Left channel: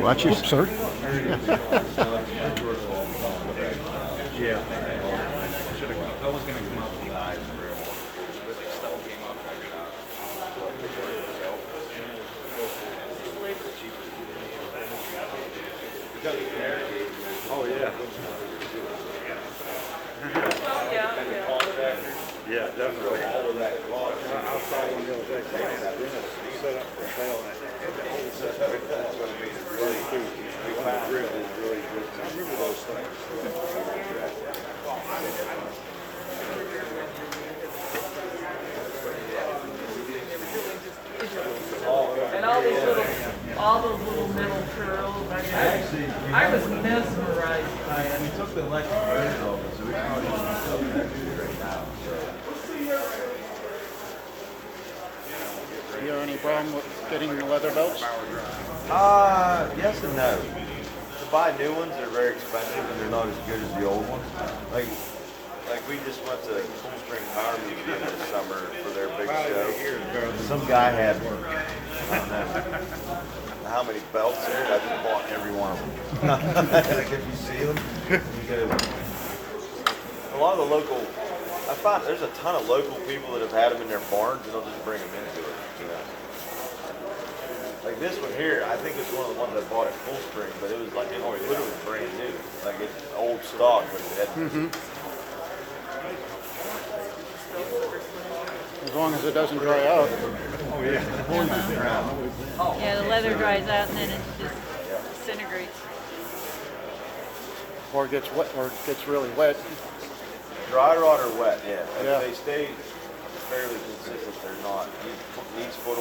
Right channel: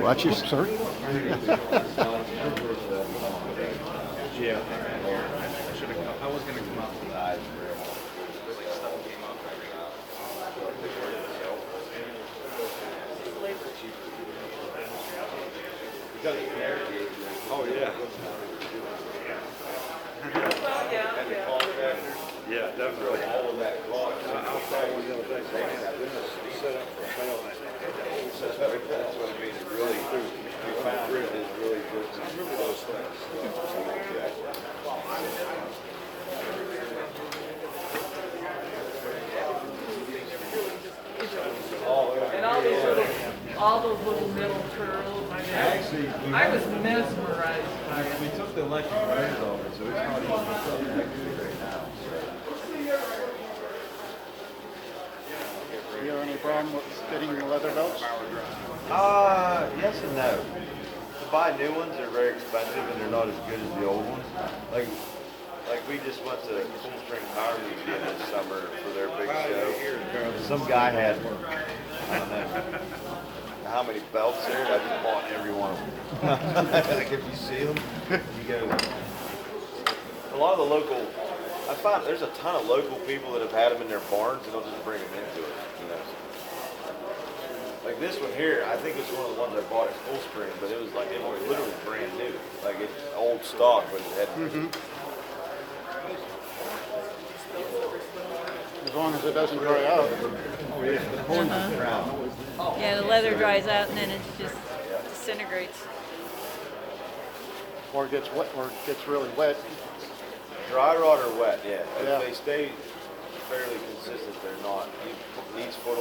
Watch your. Sir. Yeah. I was going to come up with the eyes for it. Oh, yeah. Yeah, definitely. All of that cloth. That's what it means. Really, we found it is really good. Those things. And all those little metal turtles. I was mesmerized by it. We took the electric rails off it, so we You have any problem with getting the leather belts? Yes and no. To buy new ones, they're very expensive and they're not as good as the old ones. Like we just went to Cool Spring Power Museum this summer for their big show. Some guy had, I don't know how many belts there. I just bought every one of them. Like if you see them, you go. A lot of the local, I find there's a ton of local people that have had them in their barns and they'll just bring them into it. You know. Like this one here, I think it's one of the ones I bought at Full Spring, but it was like literally brand new. Like it's old stock, but it had As long as it doesn't dry out. Yeah, the leather dries out and then it just disintegrates. Or gets wet, or gets really wet. dry rot or wet, yeah. If Yeah. they stay fairly consistent, they're not. Each foot